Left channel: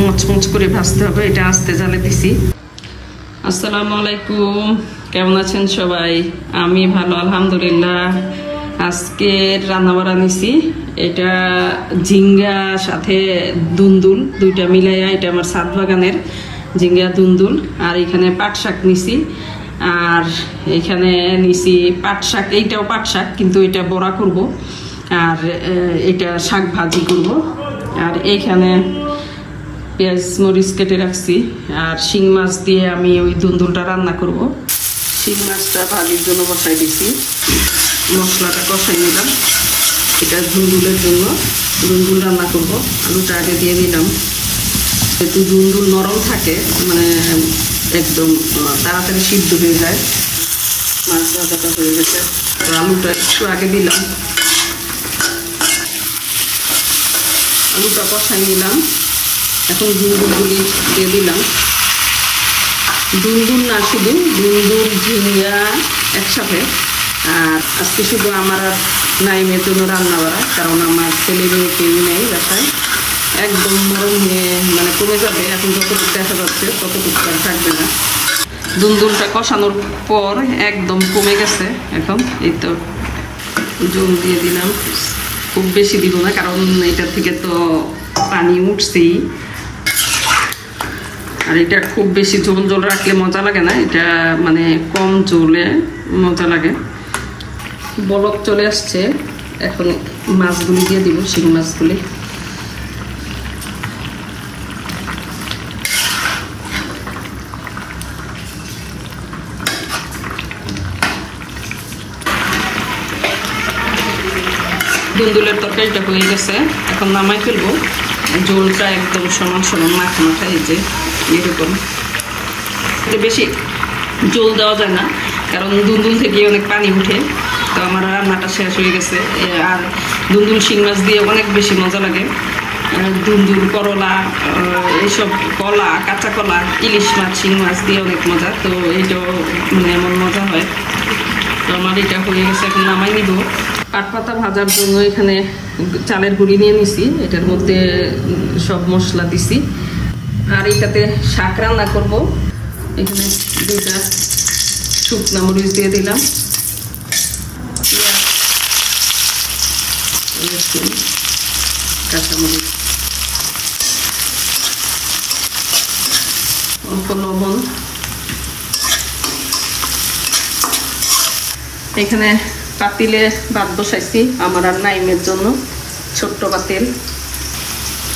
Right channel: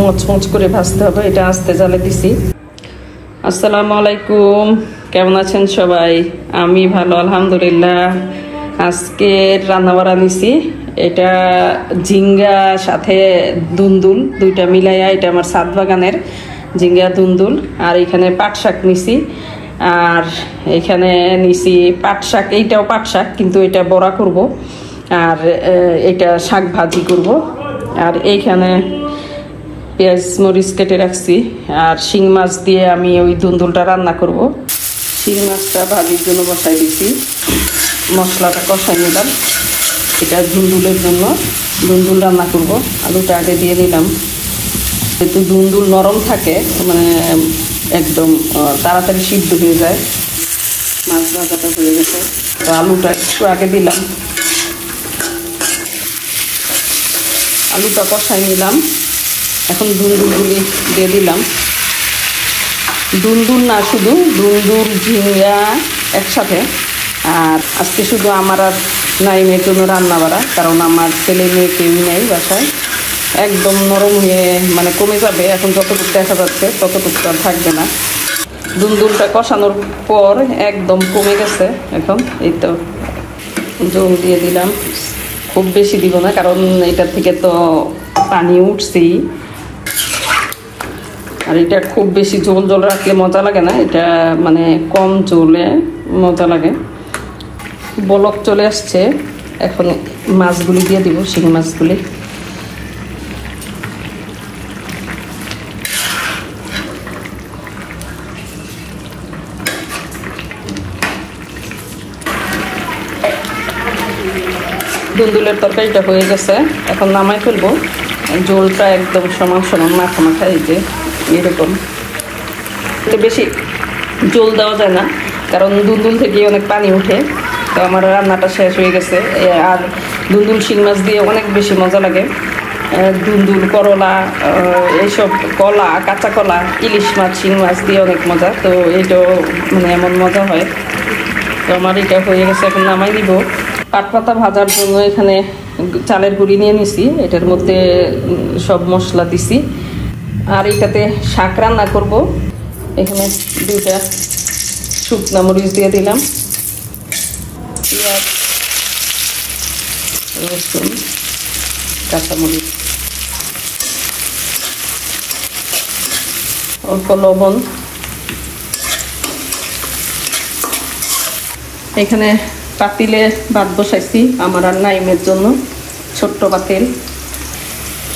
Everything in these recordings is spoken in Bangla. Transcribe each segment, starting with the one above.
মচমচ করে ভাজতে হবে। এটা আস্তে জালে দিছি। আসসালামু আলাইকুম, কেমন আছেন সবাই? আমি ভালো আলহামদুলিল্লাহ। আজকে রান্না বাড়া নিছি, এটা ঝিঙ্গা সাথে দুন্দুল দুইটা মিলাইয়া, এটা আমার ছাদ বাগানের ঝিঙ্গা দুন্দুল। আর এখানে পাট শাক নিছি, আর এখানে নিছি পাট শাক, এইটাও পাট শাক কিন্তু এটা বড়া করব, আর এটা শাক ভাজি করব। আর এইখানে পেঁয়াজ মরিচ কেটে রাখছি, আর শিং মাছ দিয়ে আমি ওই দুন্দুলটা রান্না করব। শিং মাছটা ভাজির জন্য বসাই দিছি, মশলাটা কষাই নিলাম। এটা দুন্দুলের জন্য দুন্দুল রান্না করব। আলুটা আগে দিয়ে দিলাম, একটু দুন্দুল নরম থাকে, মানে একদম তাড়াতাড়ি সিদ্ধ হয়ে যায়। মাছ ভাজাটা হয়ে গেছে, তো আলুটা একটু আগে দিলাম, আলুটা কষাই নিলাম। এখন দুন্দুলগুলি দিয়ে দিলাম। দুন্দুল না, শুধু দুন্দুল ঝিঙ্গা একসাথে। আর আজকে শুধু আমার আর নাইমের জন্য রান্না বাড়া, কারণ আমার ছেলে মেয়ে কেউ নেই বাসায়। একদম নরম হয়ে মানে কমে যাবে, এখন যতটুকু দেখা যাচ্ছে ততটুকু আর থাকবে না। দুন্দুলটা কষানোর পর একদম কমে গেছে। এখন এই তো জল দিয়ে দিলাম, খুব বেশি দিব না, কারণ এটার থেকে তো পানি উঠছেই। আর এটা খুব বেশি ঝোল ঝোল রাখলে মজা লাগে না, এটা মানে কম ঝোলে মজা লাগে। বলক চলে আসছে, এখন মাছগুলি দিয়ে দিব, শিং মাছগুলি। দুন্দুলের তরকারিটা হয়ে গেছে, এখন নামাই ফেলবো। ঝোলটা একদম সমান সমান মাখা মাখা, এই যে এরকম। বেশি ঝোল দেওয়া যায় না, কারণ দুন্দুল থেকে অনেক পানি উঠে। তো আমার রান্নাটা শেষ হয়ে গেছে। আর দুন্দুল শিং মাছ দিয়ে অনেক বেশি মজা লাগে। দুন্দুল, করলা, এইসব কলা, কাঁচা কলা, ইলিশ মাছ, শিং মাছ দিয়ে অনেক মজা। তো এইটাও মানে এমন মজা হয়। তো আমার এটা হয়ে গেছে, এখন নামাই দিব। পাট পাতা ভাজার জন্য এখানে চালের গুঁড়ি নিয়ে নিছি, এটার মধ্যে সব মশলা দিছি। আর এটাতে শাক রান্না করব। এখানে দুইটা শুকনা মরিচ দিয়ে দিলাম, পেঁয়াজ, রসুন, কাঁচামরিচ, অল্প লবণ। এখানে পাতিলে ভাত বসাইছি আমার আর নাইমের জন্য, ছোট্ট পাতিল।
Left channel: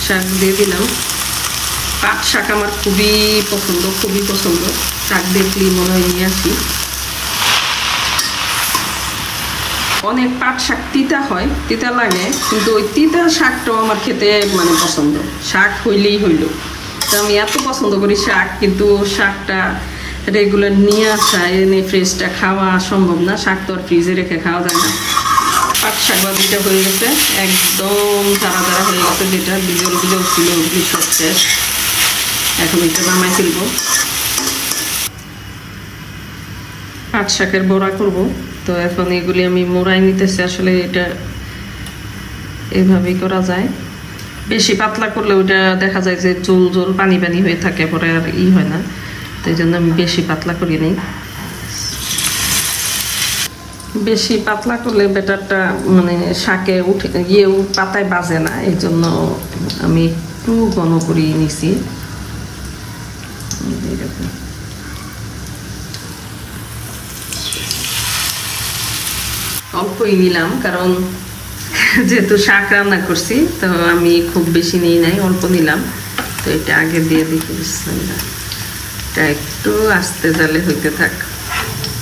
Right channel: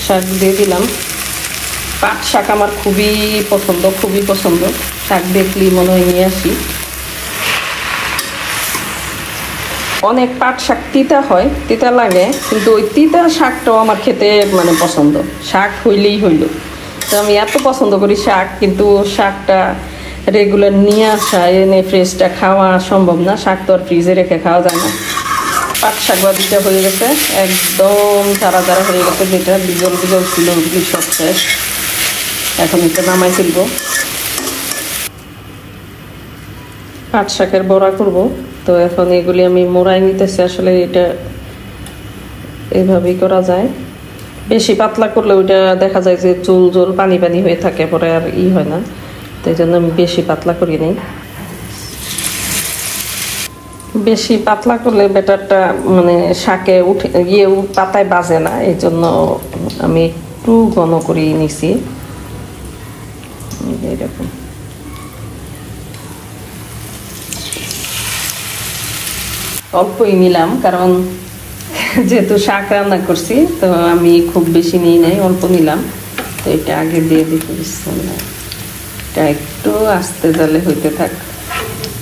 শাক দিয়ে দিলাম। পাট শাক আমার খুবই পছন্দ, খুবই পছন্দ। শাক দেখলি মনে হয় নিয়ে আসি। অনেক পাট শাক তিতা হয়, তিতা লাগে, কিন্তু ওই তিতা শাকটাও আমার খেতে মানে পছন্দ। শাক হইলেই হইল। তো আমি এত পছন্দ করি শাক, কিন্তু শাকটা রেগুলার নিয়ে আসা, এনে ফ্রেশটা খাওয়া সম্ভব না। শাক তো আর ফ্রিজে রেখে খাওয়া যায় না। পাট শাক ভাজিটা হয়ে গেছে, একদম চারা চারা হয়ে গেছে, যেটা বিজল বিজল ছিল সব শেষ। এখন এটা নামাই ফেলবো। পাট শাকের বড়া করব। তো এখন এগুলি আমি মোড়াই নিতেছি। আসলে এটা এইভাবেই করা যায়। বেশি পাতলা করলে ওইটা দেখা যায় যে চুল জোল পানি পানি হয়ে থাকে, পরে আর হয় না। তো এই জন্য আমি বেশি পাতলা করি নিই। বেশি পাতলা করলে ব্যাটারটা মানে শাকে উঠে গিয়ে পাতায় বাজে না, এই জন্য আমি একটু ঘন করে নিছি। এরকম অল্পই নিলাম, কারণ যেহেতু শাক রান্না করছি, তো আমি খুব বেশি নিই নাই, অল্প নিলাম। তো এটা আগে দিয়ে দিতে, এটা একটু আস্তে জালে হইতে থাক,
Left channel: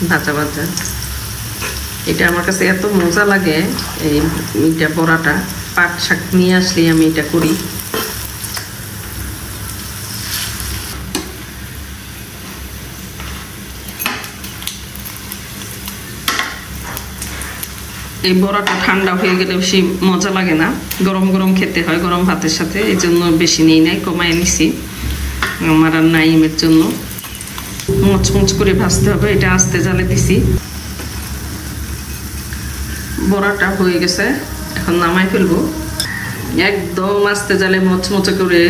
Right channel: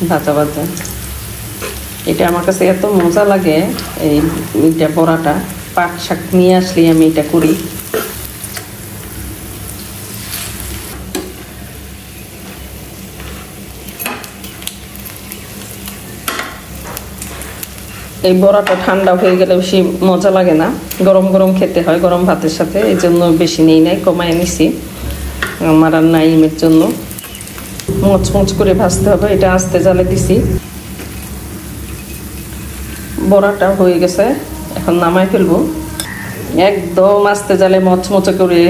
ভাজা ভাজা। এটা আমার কাছে এত মজা লাগে, এইটা বড়াটা। পাট শাক নিয়ে আসলে আমি এটা করি। এই বড়াটা ঠান্ডা হয়ে গেলে বেশি মজা লাগে না, গরম গরম খেতে হয় গরম ভাতের সাথে। এই জন্য বেশি নেই নাই, কমায় নিছি আমার আর নাইমের জন্য। মচমচ করে ভাজতে হবে, এটা আস্তে জালে দিছি। বড়াটা হয়ে গেছে, এখন নামাই ফেলবো। একদম আস্তে জালে মচমচে করে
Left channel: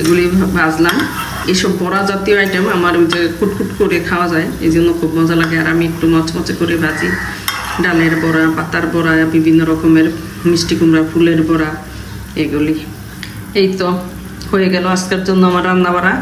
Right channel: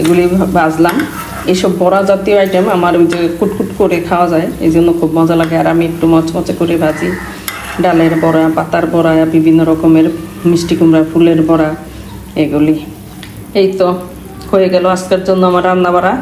এগুলি ভাজলাম। এইসব বড়া জাতীয় আইটেম আমার ওই যে কুটকুট করে খাওয়া যায়, এই জন্য খুব মজা লাগে। আর আমি একটু মচমচে করে ভাজি। ডালের বড়া, পাতার বড়া, বিভিন্ন রকমের মিষ্টি কুমড়া ফুলের বড়া, এগুলি। এই তো হয়ে গেল আজকের জন্য আমার রান্না বাড়া।